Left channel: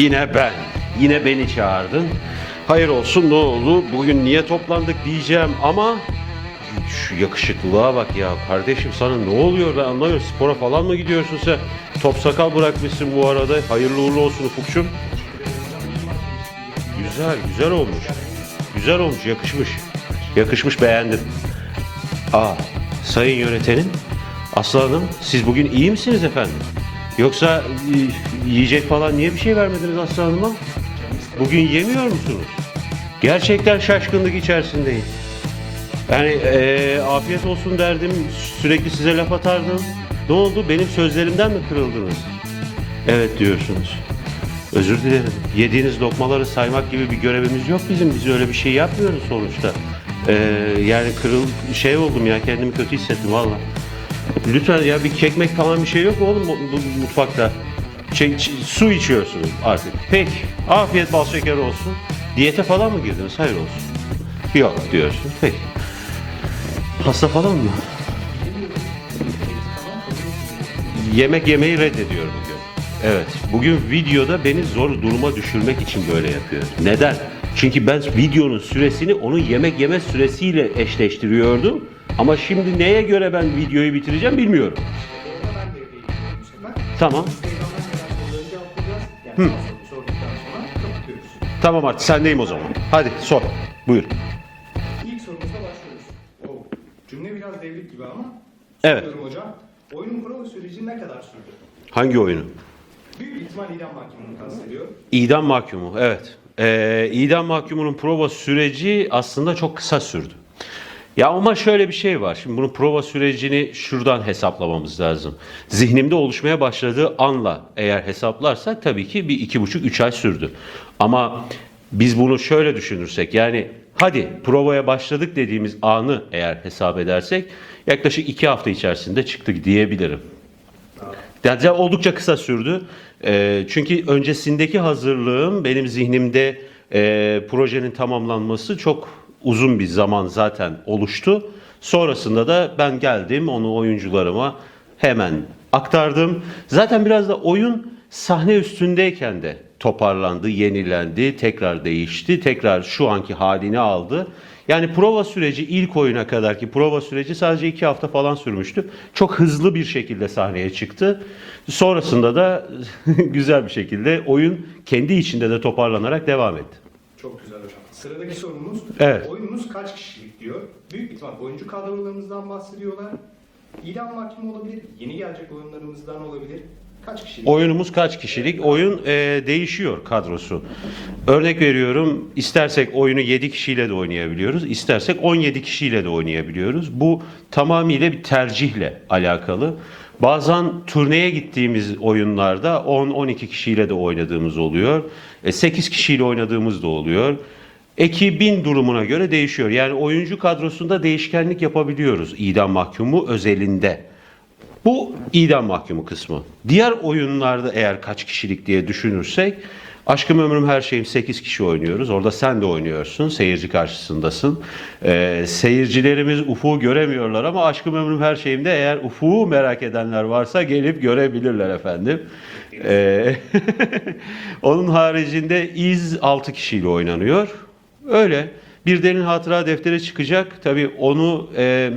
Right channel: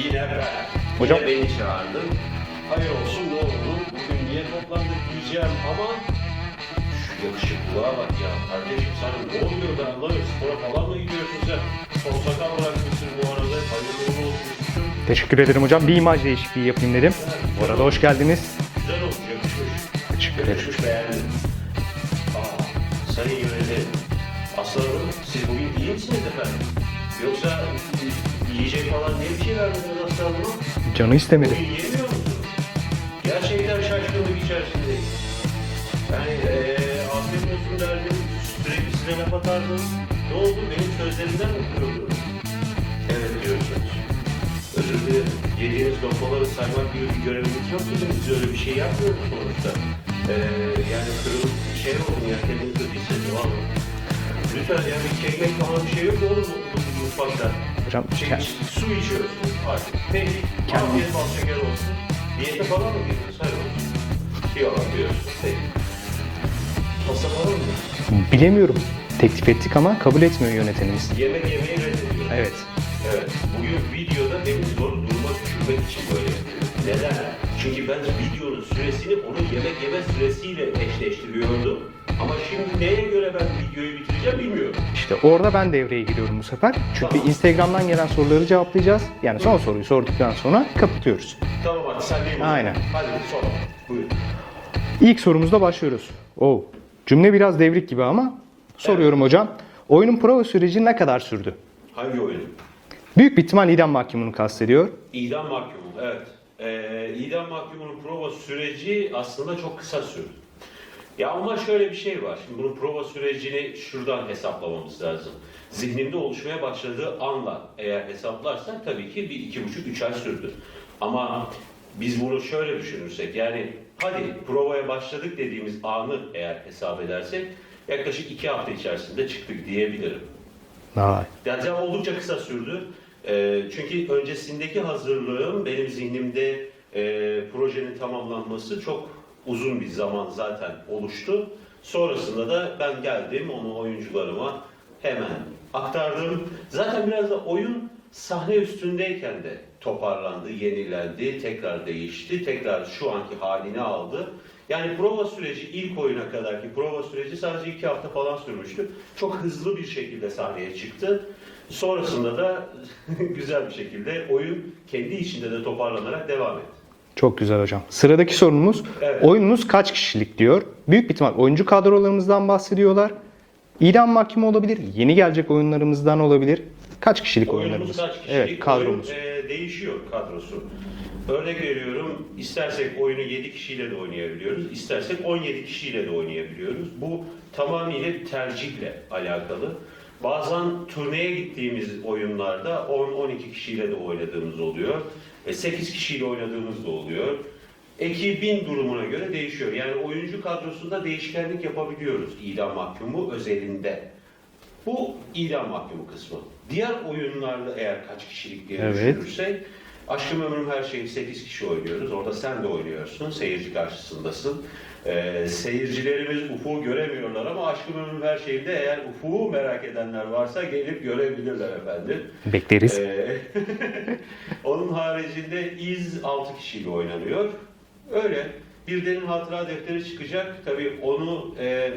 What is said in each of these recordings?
Yine ben. Yine beni çağırdın. Hayır olsun ne oldu? Bugün niye toplandık diyeceğim ama şu yakışıklılığa bak ya kardeşim sana ne oluyor ben anlamıyorum. Spora falan mı gidiyorsun sen? Top sakal bırakmışsın bu arada. Hayırlı uğurlu olsun Ufukçum. Teşekkür ederim hocam. Bir imaj değişikliği yapayım dedim. Güzel, güzel olmuş. Hoş geldiniz. Güzel olmuş, yakışmış. Yakışmış, beğendim. Aa, sayın yönetmenim, Aslı Hanım, siz bugün iyi misiniz efendim? Yoksa e, yiyecek falan niye bir şey vermediniz Aslı Hanım'a? Canı istemedi. Bugün yemiyor musunuz? Gerçekten şaşkınlık içerisindeyim. Yani e, afiyet olsun derdim, sürekli size laf atardım. Ne oldu? Benim sözlerimden mi kırıldınız? Evet diyorsunuz. Özür dilerim. Yediğiniz lokmaları saymak gibi bir görevimiz yok bizim. Biz öyle bir şey yapmıyoruz sonuçta. Ee, yani kırıl şey oldum ya kendimi kötü hissettim valla. Lütfen ya bir kekmek falan bir şey yok mu oğlum bu, bu mutfakta? Hocam, Şey, yani- ç- su içiyorsunuz artık. Peki. Afiyet bal şeker olsun. Diyete falan mı girdiniz? Hayır olsun. Yok diyorsun. Peki. Hasta falan mı? Bilemiyorum. Teklif ettik ama kabul etmiyor yönetimimiz. Yemek yemeyi reddediyorum. Evet. Evet. Bugün videoda beni zor duruma düşürmek için böyle yapıyor. Neden? Çünkü ben videonun süresini onun yemek yeme süresiyle eşleştiriyordum. Ama şimdi neye göre ben videoyu bitireceğim bilmiyorum. İşte orada ben devreye giriyorum bu sefer. Çünkü Tamam. Instagram'dan gelen soruları cevaplayacağız. Yani son soruyu sorduktan sonra kapatıyoruz. Tamam artık sendeyim o zaman. Aynen. Hadi sor. Buyur. İlk sorumuzda başlıyoruz. Oo, cümle biraz devrik gibi ama soruyorum hocam. Oyunun prova süreci ne kadar sürdü? Hangi oyunu? Büyük bir ihtimal idam mahkumunu kastediyor. İdam mahkumu. Evet. Ee, idam mahkumunun prova süreci aslında çok kısa sürdü. Ya ama şöyle bir şey var. Şimdi bunun prova sürecini şuradan hesaplamamız lazım. Zihnimde oluşmaya başladığı anla eğer hesaplarsak tabii ki bir iki buçuk üç ay sürdü. Ama biz bunu şöyle düşünürsek yani hadi provaya başladık dediğimiz anı eğer hesap edersek yaklaşık iki hafta içerisinde çıktık diyebilirim. Ha, Yani oldukça kısa sürdü. Ee, çünkü öncesindeki hazırlığım benim zihnimde e, projenin tamamlanması çok uzun bir zaman zaten oluştu. Sonrasında da ben geldim onu oyuncularıma hemen aktardım. Zaten biraz da oyun sahne üstündeyken de toparlandı, yenilendi, tekrar değişti, tekrar şu anki halini aldı. Yani prova süreci ilk oyuna kadarki prova süreci sadece iki hafta falan sürmüştü. Çok hızlı bir şekilde sahneye çıktı. Sonrasında da güzel bir şekilde oyun kendi içinde de toparlanarak devam etti. Çok güzel hocam. Sıradaki sorumuz Evet. oyununuz kaç kişilik diyor. Büyük bir ihtimal oyuncu kadrolarımızdan bahsediyorlar. İdam mahkumu olabilir, yeni gelecek oyunlarımızdan olabilir. Kaç kişilik Oyunumuz kaç kişilik? Evet, Oyun e, değişiyor kadrosu. Örnek veriyorum istersek oyunu 7 kişiyle de oynayabiliyoruz. istersek 17 kişiyle de oynayabiliyoruz. Bu tamamıyla bir tercihle alakalı. Bazen turneye gittiğimiz oyunlarda 10-12 kişiyle de oynadığımız oluyor. E, 8 kişiyle oynadığımız da oluyor. Ekibin durumuna göre değişiyor. Yani oyuncu kadrosunda değişkenlik yapabiliyoruz idam mahkumu özelinde. Bu idam mahkumu kısmı. Diğer oyunlarda eğer kaç kişilik diye düşünürsek Aşkım Ömrüm Her Şeyim 8 kişi oynuyoruz. Orada sen de oynuyorsun. Seyirci karşısındasın. Ee, seyircilerimiz Ufuk'u göremiyorlar ama Aşkım Ömrüm Her Şeyim'de eğer Ufuk'u merak edenler varsa gelip görebilirler efendim. Bekleriz. Ee, onun haricinde iz 6 kişiyle oynanıyor. Öyle. Bir derin hatıra defteri çıkacak. Tabii onu e,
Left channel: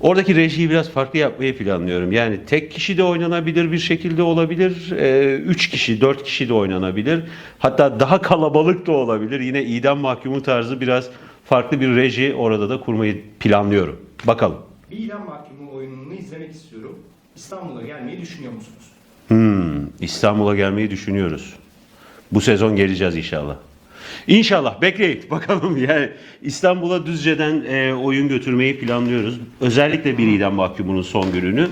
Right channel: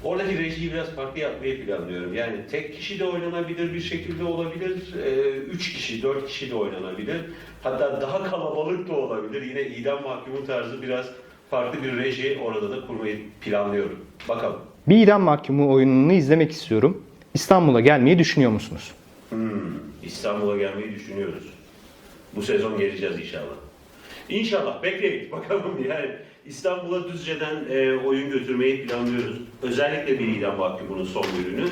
oradaki rejiyi biraz farklı yapmayı planlıyorum. Yani tek kişi de oynanabilir bir şekilde olabilir. E, üç kişi, dört kişi de oynanabilir. Hatta daha kalabalık da olabilir. Yine idam mahkumu tarzı biraz farklı bir reji orada da kurmayı planlıyorum. Bakalım. Bir idam mahkumu oyununu izlemek istiyorum. İstanbul'a gelmeyi düşünüyor musunuz? Hmm, İstanbul'a gelmeyi düşünüyoruz. Bu sezon geleceğiz inşallah. İnşallah bekleyin bakalım yani İstanbul'a Düzce'den e, oyun götürmeyi planlıyoruz. Özellikle bir idam mahkumunun son bölümünü.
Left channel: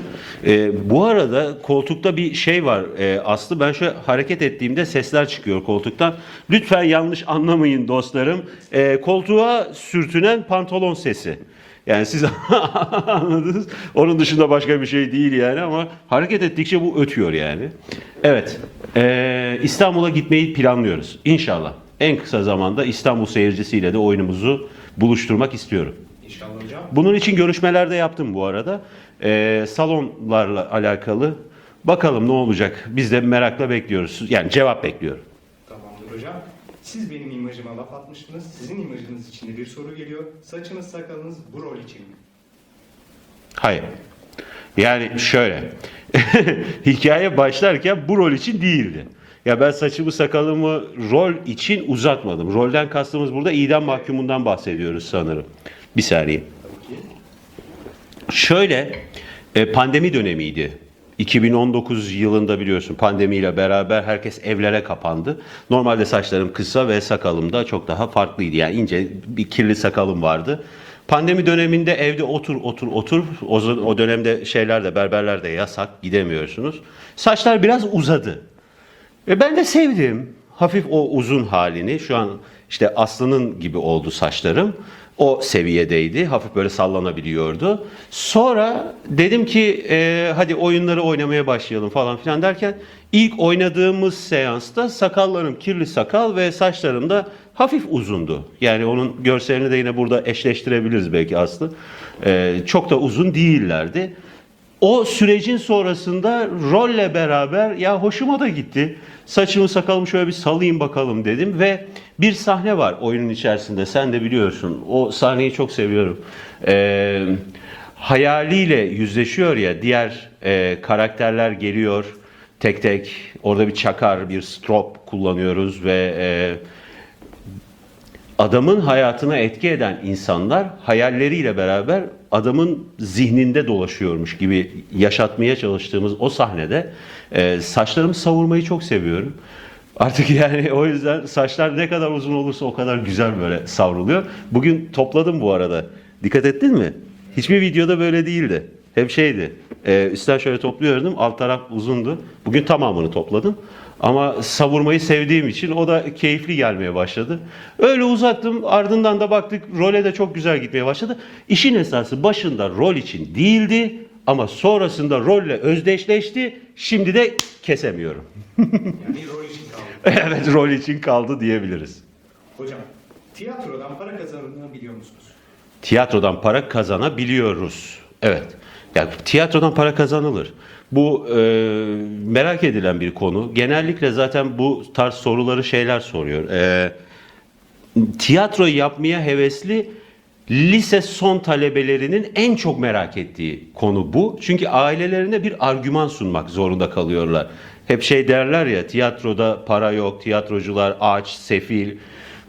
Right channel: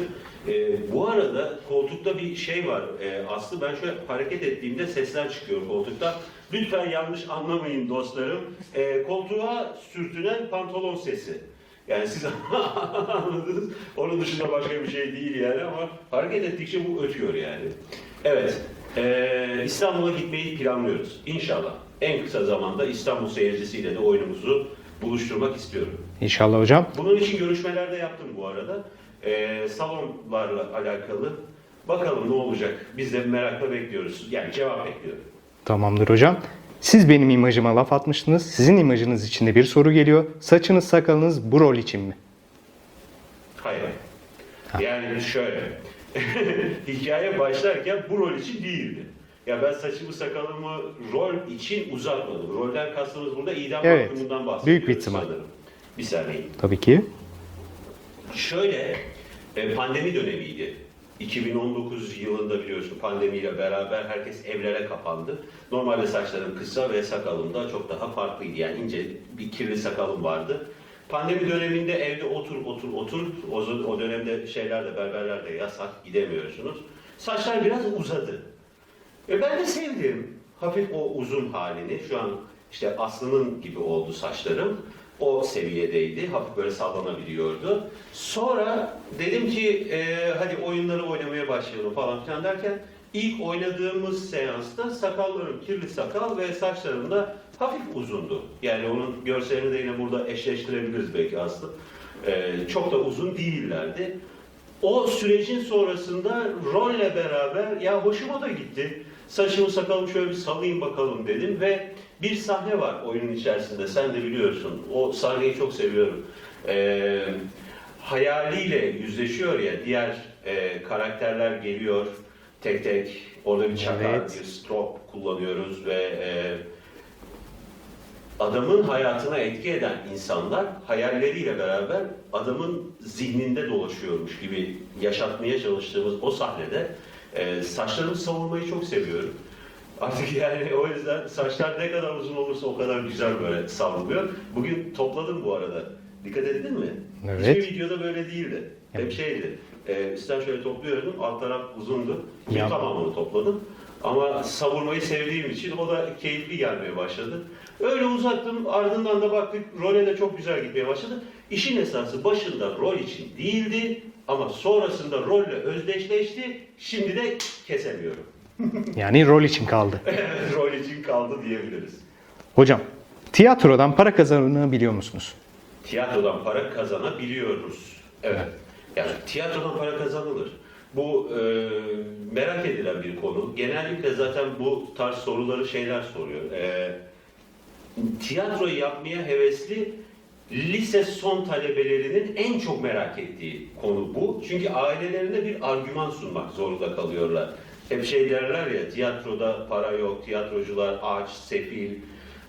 E, bu arada koltukta bir şey var e, Aslı ben şöyle hareket ettiğimde sesler çıkıyor koltuktan. Lütfen yanlış anlamayın dostlarım. E, koltuğa sürtünen pantolon sesi. Yani siz anladınız. Onun dışında başka bir şey değil yani ama hareket ettikçe bu ötüyor yani. Evet. Ee, İstanbul'a gitmeyi planlıyoruz. İnşallah. En kısa zamanda İstanbul seyircisiyle de oyunumuzu buluşturmak istiyorum. İnşallah hocam. Bunun için görüşmeler de yaptım bu arada. Ee, salonlarla alakalı. Bakalım ne olacak. Biz de merakla bekliyoruz. Yani cevap bekliyorum. Tamamdır hocam. Siz benim imajıma laf atmıştınız. Sizin imajınız için de bir soru geliyor. Saçınız sakalınız bu rol için mi? Hayır. Yani şöyle. Hikaye başlarken bu rol için değildi. Ya ben saçımı sakalımı rol için uzatmadım. Rolden kastımız burada idam Evet. mahkumundan Büyük bahsediyoruz ihtimal. sanırım. Bir saniye. Tabii ki. Şöyle e, pandemi dönemiydi. 2019 yılında biliyorsun pandemiyle beraber herkes evlere kapandı. Normalde saçlarım kısa ve sakalım da çok daha farklıydı. Yani ince bir kirli sakalım vardı. Pandemi döneminde evde otur otur otur. O, o dönemde şeyler de berberler de yasak gidemiyorsunuz. Saçlar biraz uzadı. Ve ben de sevdim. Hafif o uzun halini. Şu an işte Aslı'nın gibi oldu saçlarım. O seviyedeydi. Hafif böyle sallanabiliyordu. Sonra dedim ki e, hadi oyunları oynamaya başlayalım falan filan derken ilk oynadığımız seansta sakallarım kirli sakal ve saçlarım da hafif uzundu. Yani onun görselini de yine burada eşleştirebiliriz belki Aslı. E, çok da uzun değillerdi. O sürecin sonrasında rolle beraber ya hoşuma da gitti. Saçımı sakalımı şöyle bir salayım bakalım dedim ve bir sahne var oyunun içerisinde. Sen de biliyorsun. O sahneyi çok seviyorum. Ee, hayaliyle yüzleşiyor ya diğer e, karakterler geliyor tek tek. Orada bir çakar, bir strop kullanıyoruz ve e, adamın hayatına etki eden insanlar hayalleriyle beraber adamın zihninde dolaşıyormuş gibi yaşatmaya çalıştığımız o sahnede e, saçlarımı savurmayı çok seviyorum. Artık yani o yüzden saçlar ne kadar uzun olursa o kadar güzel böyle savruluyor. Bugün topladım bu arada. Dikkat ettin mi? Evet. Hiçbir videoda böyle değildi. Hep şeydi. E, üstten şöyle topluyordum. Alt taraf uzundu. Bugün Ya. tamamını topladım. Ama savurmayı sevdiğim için o da keyifli gelmeye başladı. Öyle uzattım. Ardından da baktık role de çok güzel gitmeye başladı. İşin esası başında rol için değildi ama sonrasında rolle özdeşleşti. Şimdi de kesemiyorum. Yani rol için kaldı. evet rol için kaldı diyebiliriz. Hocam, tiyatrodan para kazanabiliyor musunuz? Tiyatrodan para kazanabiliyoruz. Evet. Yani tiyatrodan para kazanılır. Bu e, merak edilen bir konu. Genellikle zaten bu tarz soruları şeyler soruyor. E, tiyatro yapmaya hevesli lise son talebelerinin en çok merak ettiği konu bu. Çünkü ailelerine bir argüman sunmak zorunda kalıyorlar. Hep şey derler ya tiyatroda para yok, tiyatrocular aç, sefil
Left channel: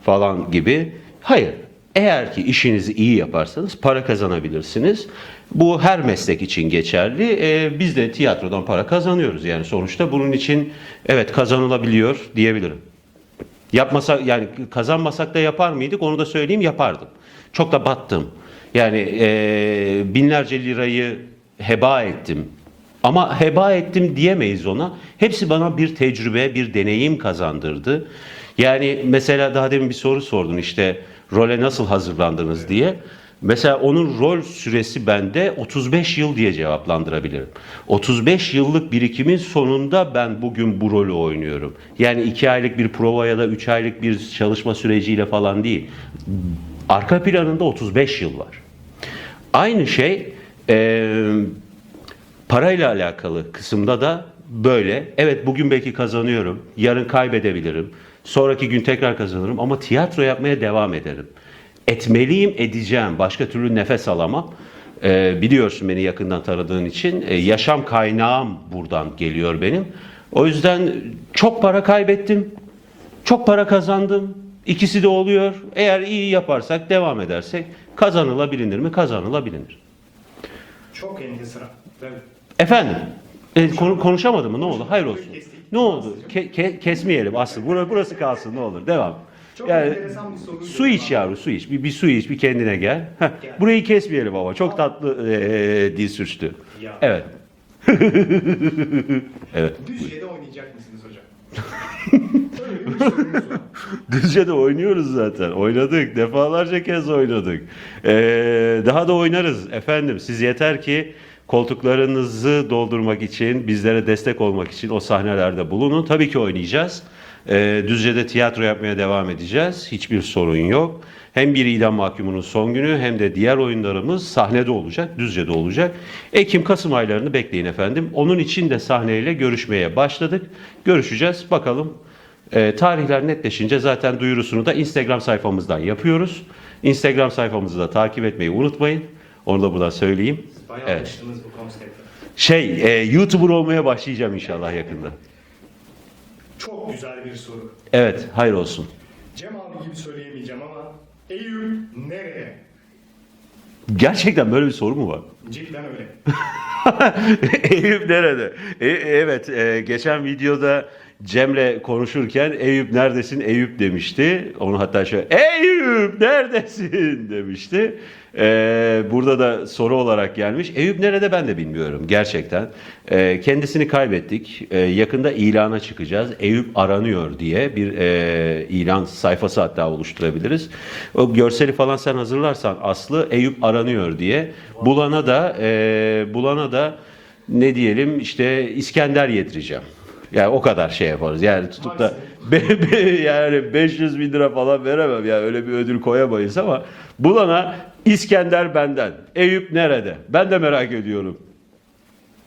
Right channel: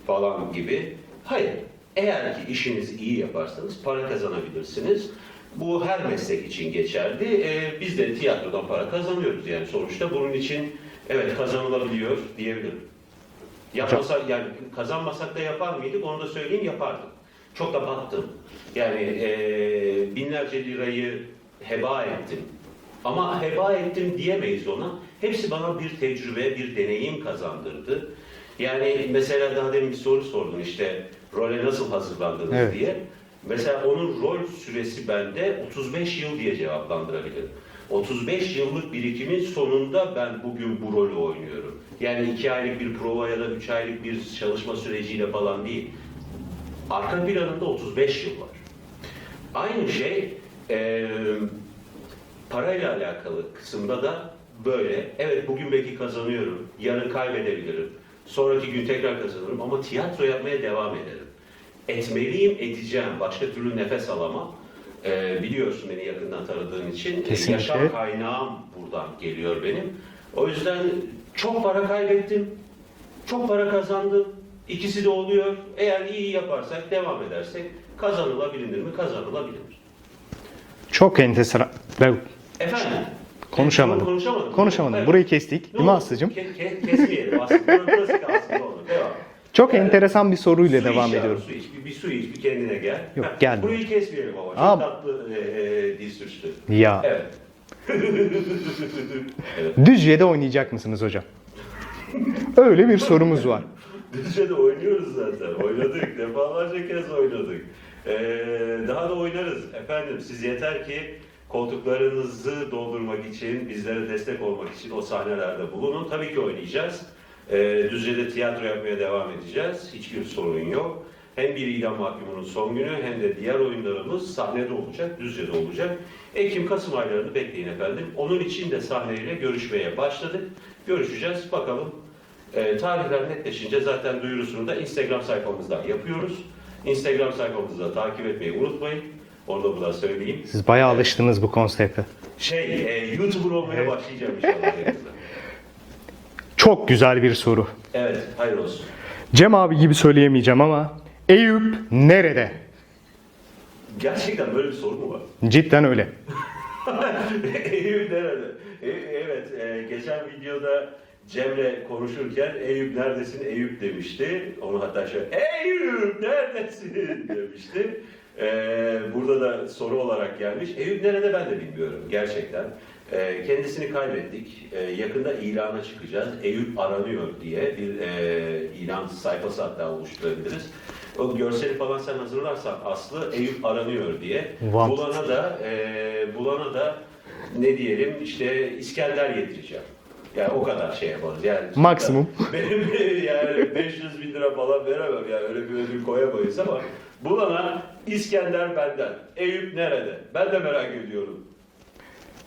falan gibi. Hayır. Eğer ki işinizi iyi yaparsanız para kazanabilirsiniz. Bu her meslek için geçerli. Ee, biz de tiyatrodan para kazanıyoruz yani sonuçta. Bunun için evet kazanılabiliyor diyebilirim. Yapmasa yani kazanmasak da yapar mıydık? Onu da söyleyeyim yapardım. Çok da battım. Yani eee, binlerce lirayı heba ettim. Ama heba ettim diyemeyiz ona. Hepsi bana bir tecrübe, bir deneyim kazandırdı. Yani mesela daha demin bir soru sordun işte role nasıl hazırlandınız Evet. diye. Mesela onun rol süresi bende 35 yıl diye cevaplandırabilirim. 35 yıllık birikimin sonunda ben bugün bu rolü oynuyorum. Yani 2 aylık bir prova ya da 3 aylık bir çalışma süreciyle falan değil. Arka planında 35 yıl var. Aynı şey eee, parayla alakalı kısımda da böyle. Evet bugün belki kazanıyorum, yarın kaybedebilirim, sonraki gün tekrar kazanırım ama tiyatro yapmaya devam ederim. Etmeliyim, edeceğim. Başka türlü nefes alamam. Ee, biliyorsun beni yakından tanıdığın için. Ee, Kesinlikle. yaşam kaynağım buradan geliyor benim. O yüzden çok para kaybettim, çok para kazandım. İkisi de oluyor. Eğer iyi yaparsak, devam edersek kazanılabilir mi? Kazanılabilir. Çok enteresan. Ben Efendim? Konuşamadım. E, konu- konuşamadım. mı? Ne oldu? Konuşamadım. Hayır Burayı kestik. Ne oldu? Ke- ke- kesmeyelim Aslı. Burası kalsın ne olur. Devam. Çok Yani enteresan bir soruyla Su devam iç yavrum su iç. Bir, bir su iç bir kendine gel. Yok, Heh, gelmiyor. Burayı kesmeyelim ama. Çok Abi- tatlı e, dil sürçtü. Ya. Evet. Düzce'de oynayacak mısınız hocam? Öyle bir sorumuz var. Düzce'de oynuyoruz zaten. Oynadık. Defalarca kez oynadık. Ee, daha da oynarız efendim. Siz yeter ki koltuklarınızı doldurmak için, bizlere destek olmak için o sahnelerde bulunun. Tabii ki oynayacağız. Ee, Düzce'de tiyatro yapmaya devam edeceğiz. Hiçbir sorun yok. Hem bir idam mahkumunun son günü hem de diğer oyunlarımız sahnede olacak, Düzce'de olacak. Ekim-Kasım aylarını bekleyin efendim. Onun için de sahneyle görüşmeye başladık. Görüşeceğiz. Bakalım E, tarihler netleşince zaten duyurusunu da Instagram sayfamızdan yapıyoruz. Instagram sayfamızı da takip etmeyi unutmayın. Onu da buradan söyleyeyim. Siz bayağı Evet. alıştınız bu konsepte. Şey, e, YouTuber olmaya başlayacağım inşallah yakında. Çok güzel bir soru. Evet, hayır olsun. Cem abi gibi söyleyemeyeceğim ama Eyüp nerede? Gerçekten böyle bir soru mu var? Cidden öyle. Eyüp nerede? E, evet, e, geçen videoda Cem'le konuşurken Eyüp neredesin Eyüp demişti. Onu hatta şöyle Eyüp neredesin demişti. E, burada da soru olarak gelmiş. Eyüp nerede ben de bilmiyorum gerçekten. E, kendisini kaybettik. E, yakında ilana çıkacağız. Eyüp aranıyor diye bir e, ilan sayfası hatta oluşturabiliriz. O görseli falan sen hazırlarsan Aslı Eyüp aranıyor diye. Wow. Bulana da e, bulana da ne diyelim işte İskender yedireceğim. Yani o kadar şey yaparız. Yani tutup da- Maksimum. Be- be- yani 500 bin lira falan veremem. Yani öyle bir ödül koyamayız ama bulana İskender benden. Eyüp nerede? Ben de merak ediyorum.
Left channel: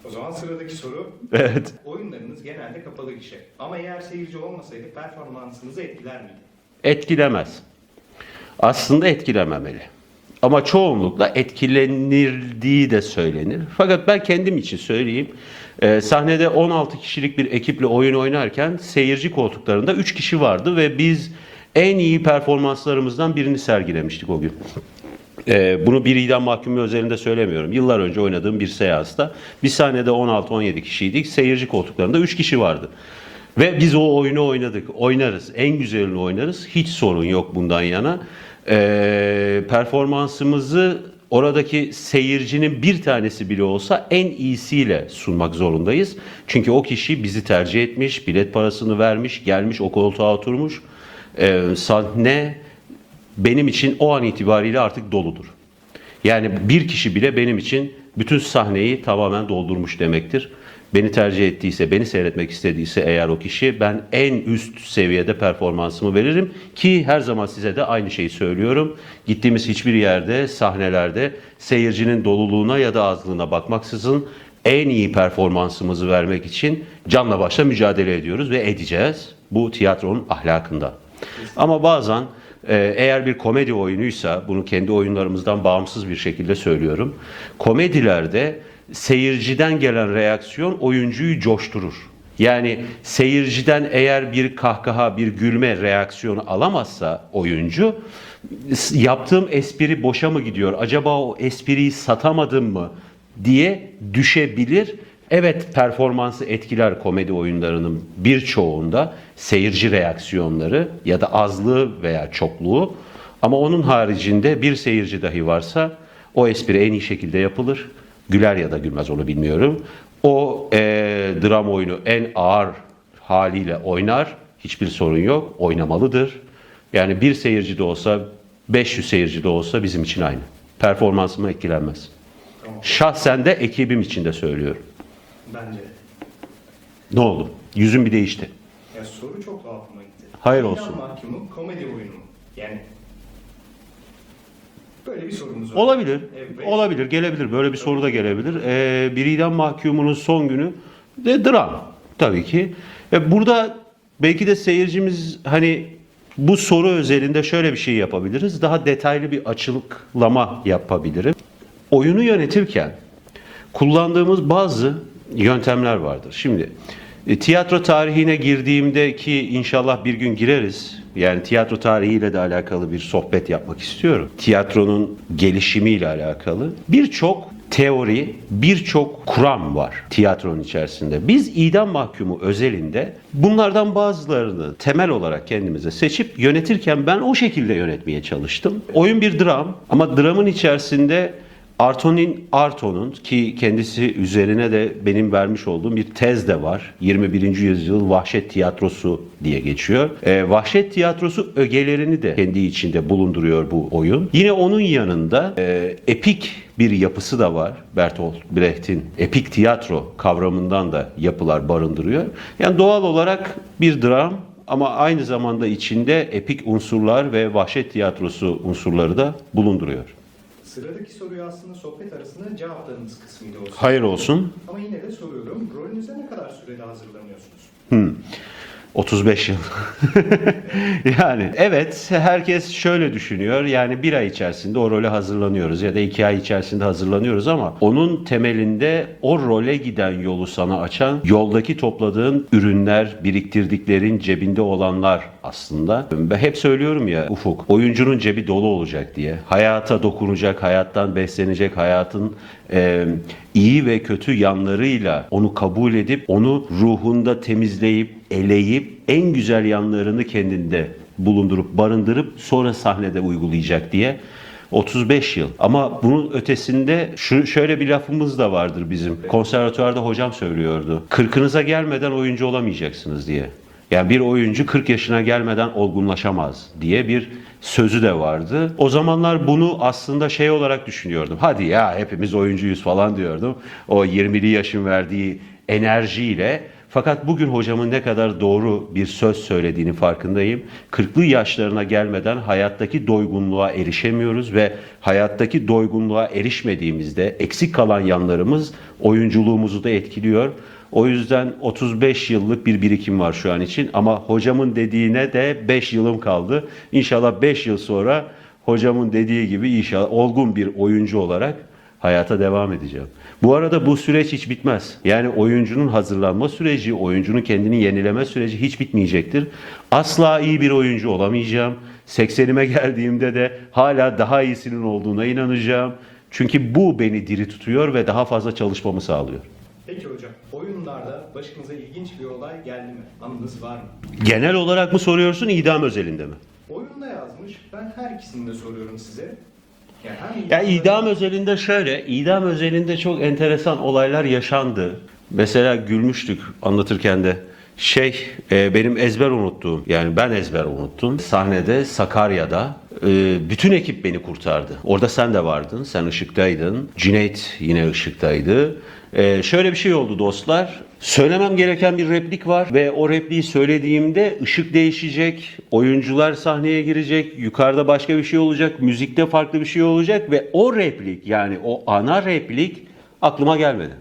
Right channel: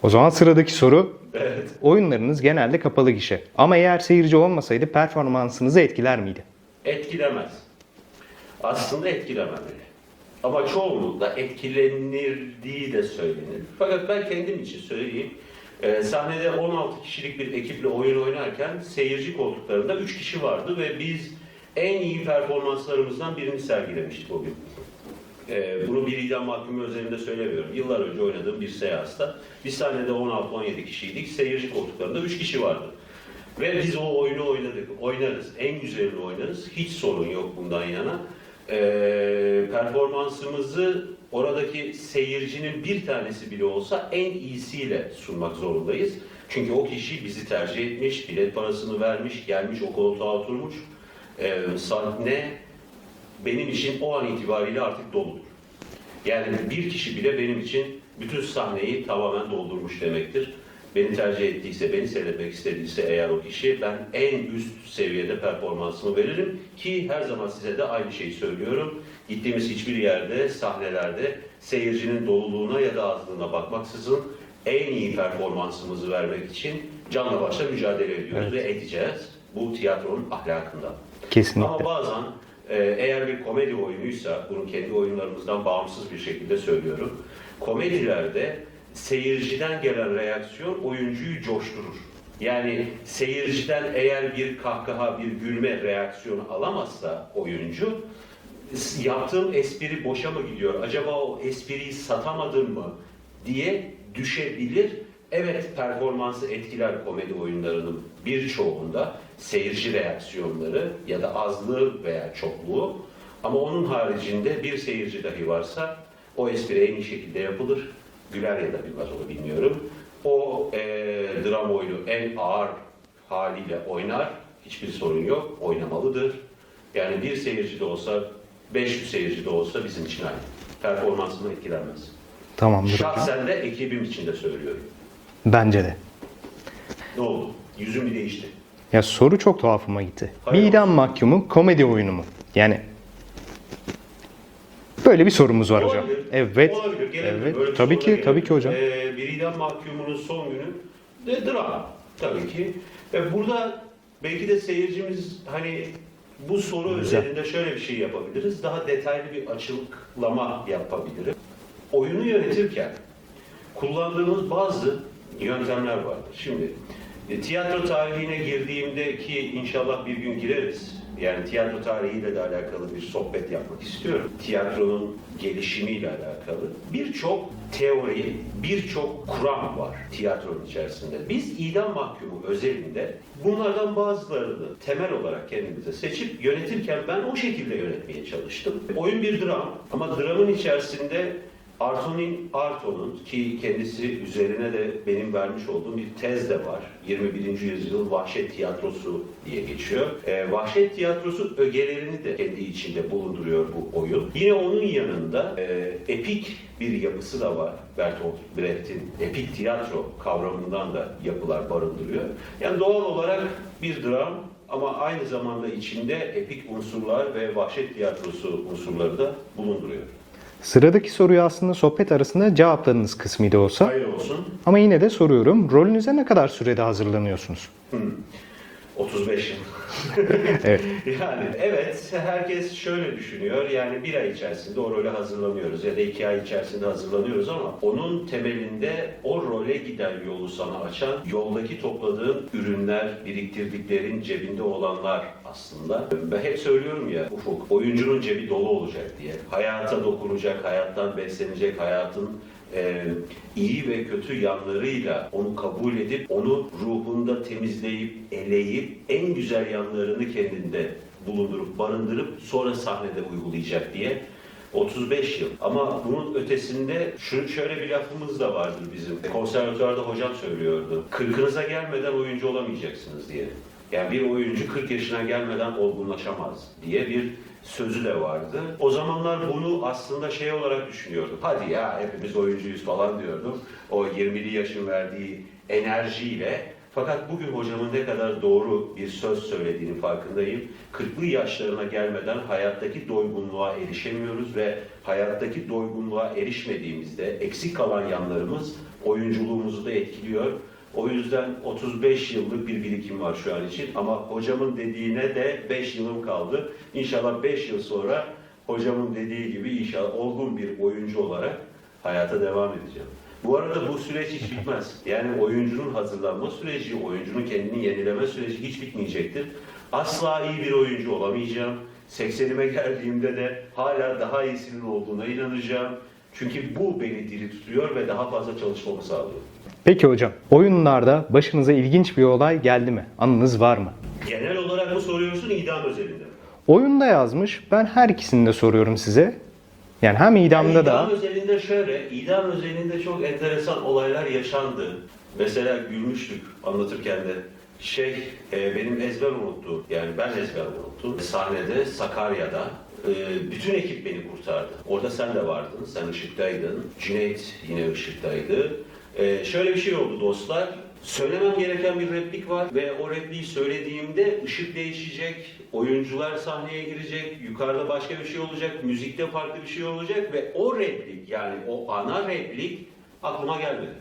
O zaman sıradaki soru. Evet. Oyunlarınız genelde kapalı gişe. Ama eğer seyirci olmasaydı performansınızı etkiler miydi? Etkilemez. Aslında etkilememeli. Ama çoğunlukla etkilenirdiği de söylenir. Fakat ben kendim için söyleyeyim. Ee, sahnede 16 kişilik bir ekiple oyun oynarken seyirci koltuklarında 3 kişi vardı ve biz en iyi performanslarımızdan birini sergilemiştik o gün. Ee, bunu bir idam mahkumu özelinde söylemiyorum. Yıllar önce oynadığım bir seansta bir sahnede 16-17 kişiydik. Seyirci koltuklarında 3 kişi vardı. Ve biz o oyunu oynadık. Oynarız. En güzelini oynarız. Hiç sorun yok bundan yana. Ee, performansımızı oradaki seyircinin bir tanesi bile olsa en iyisiyle sunmak zorundayız. Çünkü o kişi bizi tercih etmiş, bilet parasını vermiş, gelmiş o koltuğa oturmuş. Ee, sahne benim için o an itibariyle artık doludur. Yani bir kişi bile benim için bütün sahneyi tamamen doldurmuş demektir. Beni tercih ettiyse, beni seyretmek istediyse eğer o kişi ben en üst seviyede performansımı veririm ki her zaman size de aynı şeyi söylüyorum. Gittiğimiz hiçbir yerde, sahnelerde seyircinin doluluğuna ya da azlığına bakmaksızın en iyi performansımızı vermek için canla başla mücadele ediyoruz ve edeceğiz. Bu tiyatronun ahlakından. Kesinlikle. Ama bazen eğer bir komedi oyunuysa, bunu kendi oyunlarımızdan bağımsız bir şekilde söylüyorum. Komedilerde seyirciden gelen reaksiyon oyuncuyu coşturur. Yani seyirciden eğer bir kahkaha, bir gülme reaksiyonu alamazsa oyuncu "S- yaptığım espri boşa mı gidiyor? Acaba o espriyi satamadım mı? diye düşebilir. Evet performansı etkiler komedi oyunlarının birçoğunda seyirci reaksiyonları ya da azlığı veya çokluğu. Ama onun haricinde bir seyirci dahi varsa o espri en iyi şekilde yapılır. Güler ya da gülmez onu bilmiyorum. O eee, dram oyunu en ağır haliyle oynar. Hiçbir sorun yok. Oynamalıdır. Yani bir seyirci de olsa 500 seyirci de olsa bizim için aynı. Performansıma etkilenmez. Tamam. Şahsen de ekibim için de söylüyorum. Bence de. Ne oldu? Yüzüm bir değişti. Ya soru çok tuhafıma gitti. Hayır İdam olsun. mahkumu komedi oyunu mu? Yani böyle bir sorumuz var. hocam. Olabilir. Evet. Olabilir. Gelebilir. Evet. Böyle bir Tabii soru da ki, gelebilir. Tabii ki hocam. Ee, bir idam mahkumunun son günü de dram. Tabii ki. E, burada belki de seyircimiz hani bu soru özelinde şöyle bir şey yapabiliriz. Daha detaylı bir açıklama yapabilirim. Oyunu yönetirken kullandığımız bazı yöntemler vardır. Şimdi e, tiyatro tarihine girdiğimde ki inşallah bir gün gireriz. Yani tiyatro tarihiyle de alakalı bir sohbet yapmak istiyorum. Tiyatronun gelişimiyle alakalı birçok teori, birçok kuram var tiyatronun içerisinde. Biz idam mahkumu özelinde bunlardan bazılarını temel olarak kendimize seçip yönetirken ben o şekilde yönetmeye çalıştım. Oyun bir dram ama dramın içerisinde Artonin Arto'nun ki kendisi üzerine de benim vermiş olduğum bir tez de var. 21. yüzyıl vahşet tiyatrosu diye geçiyor. Ee, vahşet tiyatrosu ögelerini de kendi içinde bulunduruyor bu oyun. Yine onun yanında e, epik bir yapısı da var. Bertolt Brecht'in epik tiyatro kavramından da yapılar barındırıyor. Yani doğal olarak bir dram ama aynı zamanda içinde epik unsurlar ve vahşet tiyatrosu unsurları da bulunduruyor. Sıradaki soruyu aslında sohbet arasında cevapladığınız kısmıydı olsa. Hayır olsun. Ama yine de soruyorum. Rolünüze ne kadar sürede hazırlanıyorsunuz? 35 yıl. Yani evet herkes şöyle düşünüyor. Yani bir ay içerisinde o role hazırlanıyoruz ya da iki ay içerisinde hazırlanıyoruz ama onun temelinde o role giden yolu sana açan yoldaki topladığın ürünler, biriktirdiklerin cebinde olanlar aslında. Ben hep söylüyorum ya Ufuk, oyuncunun cebi dolu olacak diye. Hayata dokunacak, hayattan beslenecek, hayatın e, iyi ve kötü yanlarıyla onu kabul edip onu ruhunda temizleyip eleyip en güzel yanlarını kendinde bulundurup barındırıp sonra sahnede uygulayacak diye 35 yıl. Ama bunun ötesinde şu şöyle bir lafımız da vardır bizim. Konservatuvarda hocam söylüyordu. Kırkınıza gelmeden oyuncu olamayacaksınız diye. Yani bir oyuncu 40 yaşına gelmeden olgunlaşamaz diye bir sözü de vardı. O zamanlar bunu aslında şey olarak düşünüyordum. Hadi ya hepimiz oyuncuyuz falan diyordum. O 20'li yaşın verdiği enerjiyle. Fakat bugün hocamın ne kadar doğru bir söz söylediğinin farkındayım. 40'lı yaşlarına gelmeden hayattaki doygunluğa erişemiyoruz ve hayattaki doygunluğa erişmediğimizde eksik kalan yanlarımız oyunculuğumuzu da etkiliyor. O yüzden 35 yıllık bir birikim var şu an için ama hocamın dediğine de 5 yılım kaldı. İnşallah 5 yıl sonra hocamın dediği gibi inşallah olgun bir oyuncu olarak hayata devam edeceğim. Bu arada bu süreç hiç bitmez. Yani oyuncunun hazırlanma süreci, oyuncunun kendini yenileme süreci hiç bitmeyecektir. Asla iyi bir oyuncu olamayacağım. 80'ime geldiğimde de hala daha iyisinin olduğuna inanacağım. Çünkü bu beni diri tutuyor ve daha fazla çalışmamı sağlıyor. Peki hocam, oyunlarda başınıza ilginç bir olay geldi mi? Anınız var mı? Genel olarak mı soruyorsun, idam özelinde mi? Oyunda yazmış. Ben her ikisini de soruyorum size. Yani hem Ya idamda idam da... özelinde şöyle, idam özelinde çok enteresan olaylar yaşandı. Mesela gülmüştük anlatırken de. Şey, e, benim ezber unuttuğum, yani ben ezber unuttum. Sahnede, Sakarya'da e, bütün ekip beni kurtardı. Orada sen de vardın, sen ışıktaydın. Cüneyt yine ışıktaydı. E, şöyle bir şey oldu dostlar. Söylemem gereken bir replik var ve o repliği söylediğimde ışık değişecek, oyuncular sahneye girecek, yukarıda başka bir şey olacak, müzikte farklı bir şey olacak ve o replik yani o ana replik aklıma gelmedi.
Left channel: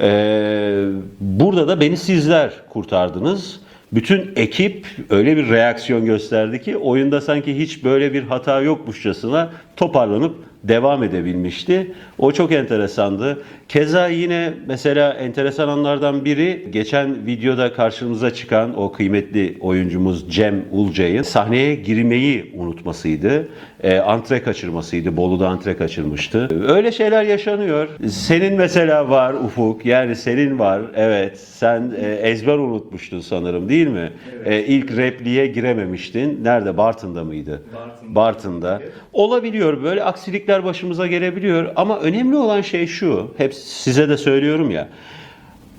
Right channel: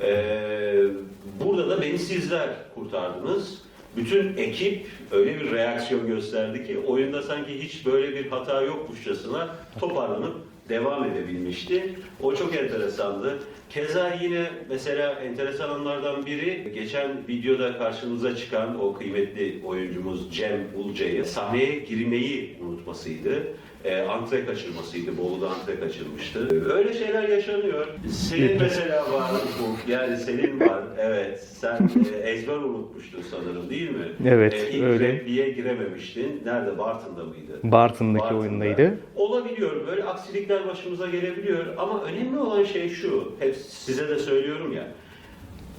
Ee, burada da beni sizler kurtardınız. Bütün ekip öyle bir reaksiyon gösterdi ki oyunda sanki hiç böyle bir hata yokmuşçasına toparlanıp devam edebilmişti. O çok enteresandı. Keza yine mesela enteresan anlardan biri geçen videoda karşınıza çıkan o kıymetli oyuncumuz Cem Ulcay'ın sahneye girmeyi unutmasıydı. E, antre kaçırmasıydı. Bolu'da antre kaçırmıştı. Öyle şeyler yaşanıyor. Senin mesela var Ufuk. Yani senin var. Evet. Sen e, ezber unutmuştun sanırım değil mi? Evet, E, ilk öyle. repliğe girememiştin. Nerede? Bartın'da mıydı? Bartın'da. oyundaydı. Olabiliyor. Böyle aksilikler başımıza gelebiliyor. Ama önemli olan şey şu. Hep size de söylüyorum ya.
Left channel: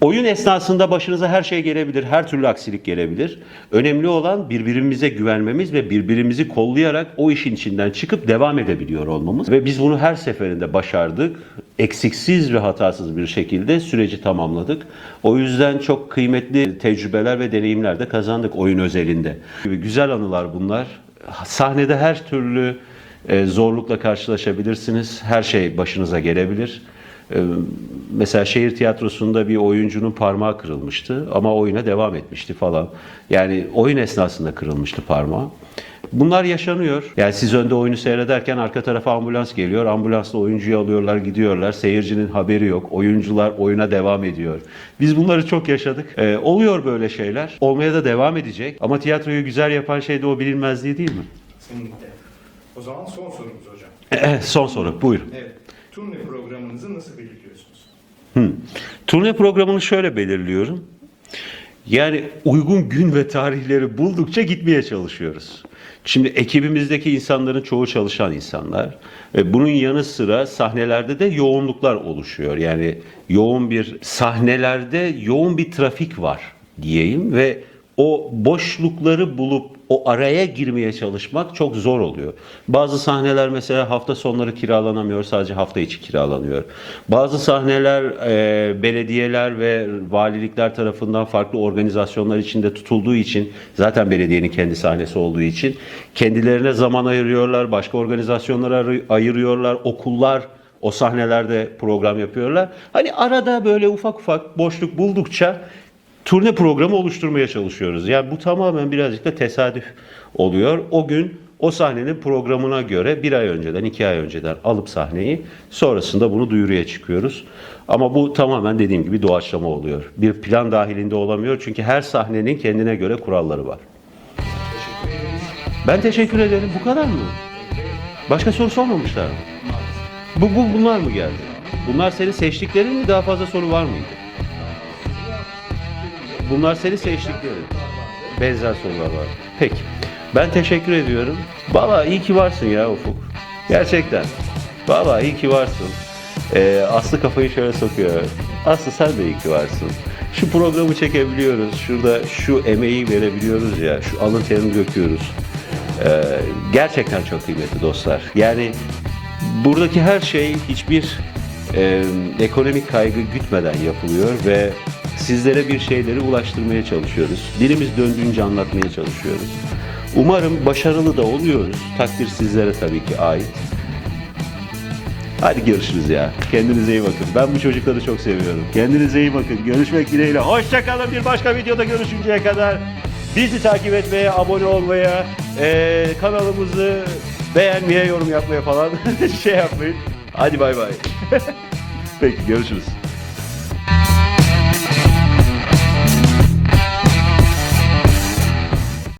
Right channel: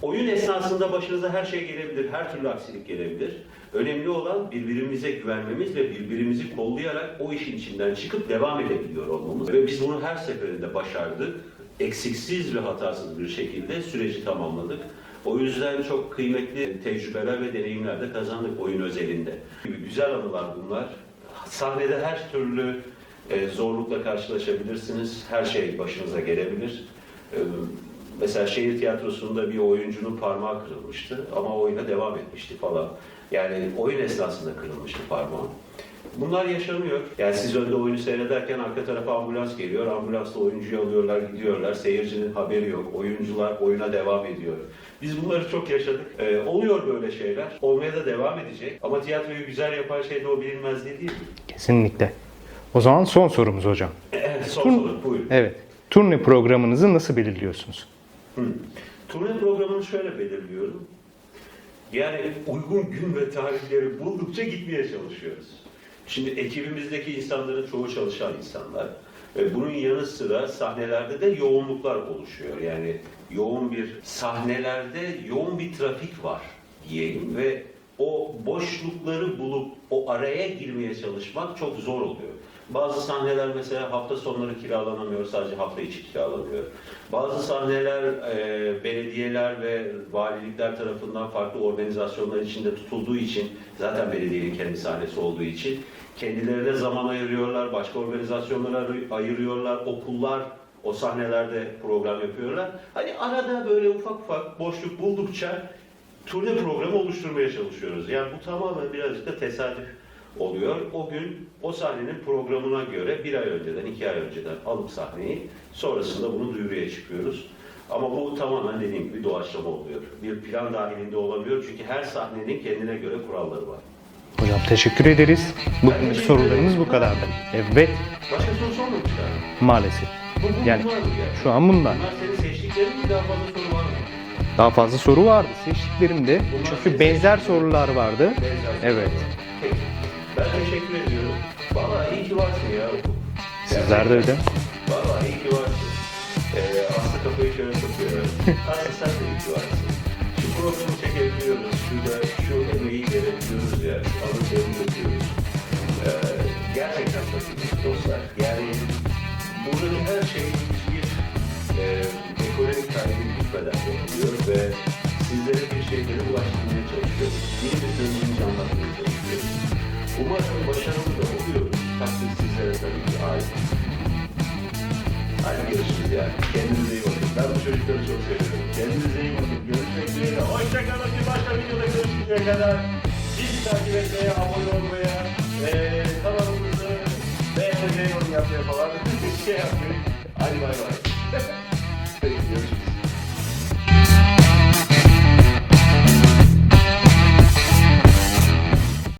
Oyun esnasında başınıza her şey gelebilir, her türlü aksilik gelebilir. Önemli olan birbirimize güvenmemiz ve birbirimizi kollayarak o işin içinden çıkıp devam edebiliyor olmamız. Ve biz bunu her seferinde başardık. Eksiksiz ve hatasız bir şekilde süreci tamamladık. O yüzden çok kıymetli tecrübeler ve deneyimler de kazandık oyun özelinde. Güzel anılar bunlar. Sahnede her türlü e, zorlukla karşılaşabilirsiniz. Her şey başınıza gelebilir. Ee, Mesela şehir tiyatrosunda bir oyuncunun parmağı kırılmıştı ama oyuna devam etmişti falan. Yani oyun esnasında kırılmıştı parmağı. Bunlar yaşanıyor. Yani siz önde oyunu seyrederken arka tarafa ambulans geliyor. Ambulansla oyuncuyu alıyorlar, gidiyorlar. Seyircinin haberi yok. Oyuncular oyuna devam ediyor. Biz bunları çok yaşadık. Ee, oluyor böyle şeyler. Olmaya da devam edecek. Ama tiyatroyu güzel yapan şey de o bilinmezliği değil mi? Kesinlikle. O zaman son sorumuz hocam. Son soru. Buyurun. Evet. Turne programınızı nasıl belirliyorsunuz? Hı. Turne programını şöyle belirliyorum. Yani uygun gün ve tarihleri buldukça gitmeye çalışıyoruz. Şimdi ekibimizdeki insanların çoğu çalışan insanlar. Ve bunun yanı sıra sahnelerde de yoğunluklar oluşuyor. Yani yoğun bir sahnelerde yoğun bir trafik var diyeyim ve o boşlukları bulup o araya girmeye çalışmak çok zor oluyor. Bazı sahneler mesela hafta sonları kiralanamıyor, sadece hafta içi kiralanıyor. Bazı sahneler e, belediyeler ve valilikler tarafından farklı organizasyonlar içinde tutulduğu için, zaten belediyenin kendi sahnesi olduğu için kendilerine zaman ayırıyorlar, başka organizasyonlara ayır- ayırıyorlar, okullar o sahnelerde program yapıyorlar. Hani arada böyle ufak ufak boşluk buldukça turne programı oluşturmaya çalışıyoruz. Yani bu tamamen birazcık da tesadüf oluyor. O gün o sahnenin programına göre bir ay önceden, iki ay önceden alıp sahneyi sonrasında bunu duyuruya çıkıyoruz. Ama bu tamamen dediğim gibi doğaçlama oluyor. Bir plan dahilinde olamıyor çünkü her sahnenin kendine göre kuralları var. Hocam teşekkür ederiz. Ben teşekkür ederim. Bu kadar mı? Evet Başka soru sormamışlar mı? maalesef. Bu, bu Yani bunlar mı geldi? Şu an bunlar. Bunlar senin seçtiklerin mi? Daha fazla soru var mıydı? Daha fazla soru vardı seçtiklerimde. Bunlar senin Benzer sorular vardı. Benzer sorular Evet. var. Peki. Ben teşekkür ediyorum. Valla iyi ki varsın ya Ufuk. Gerçekten. Valla iyi ki varsın. Ee, Aslı kafayı şöyle sokuyor. Aslı sen de iyi ki varsın. Şu programı çekebiliyoruz. Şurada şu emeği verebiliyoruz ya. Şu alın terini döküyoruz. Ee, gerçekten çok kıymetli dostlar. Yani buradaki her şey hiçbir e, ekonomik kaygı gütmeden yapılıyor ve sizlere bir şeyleri ulaştırmaya çalışıyoruz. Dilimiz döndüğünce anlatmaya çalışıyoruz. Umarım başarılı da oluyoruz. Takdir sizlere tabii ki ait. Hadi görüşürüz ya. Kendinize iyi bakın. Ben bu çocukları çok seviyorum. Kendinize iyi bakın. Görüşmek dileğiyle. Hoşçakalın. Bir başka videoda görüşünceye kadar bizi takip etmeye, abone olmaya, eee, kanalımızı beğenmeye, yorum yapmaya falan şey yapmayın. Hadi bay bay. Peki görüşürüz.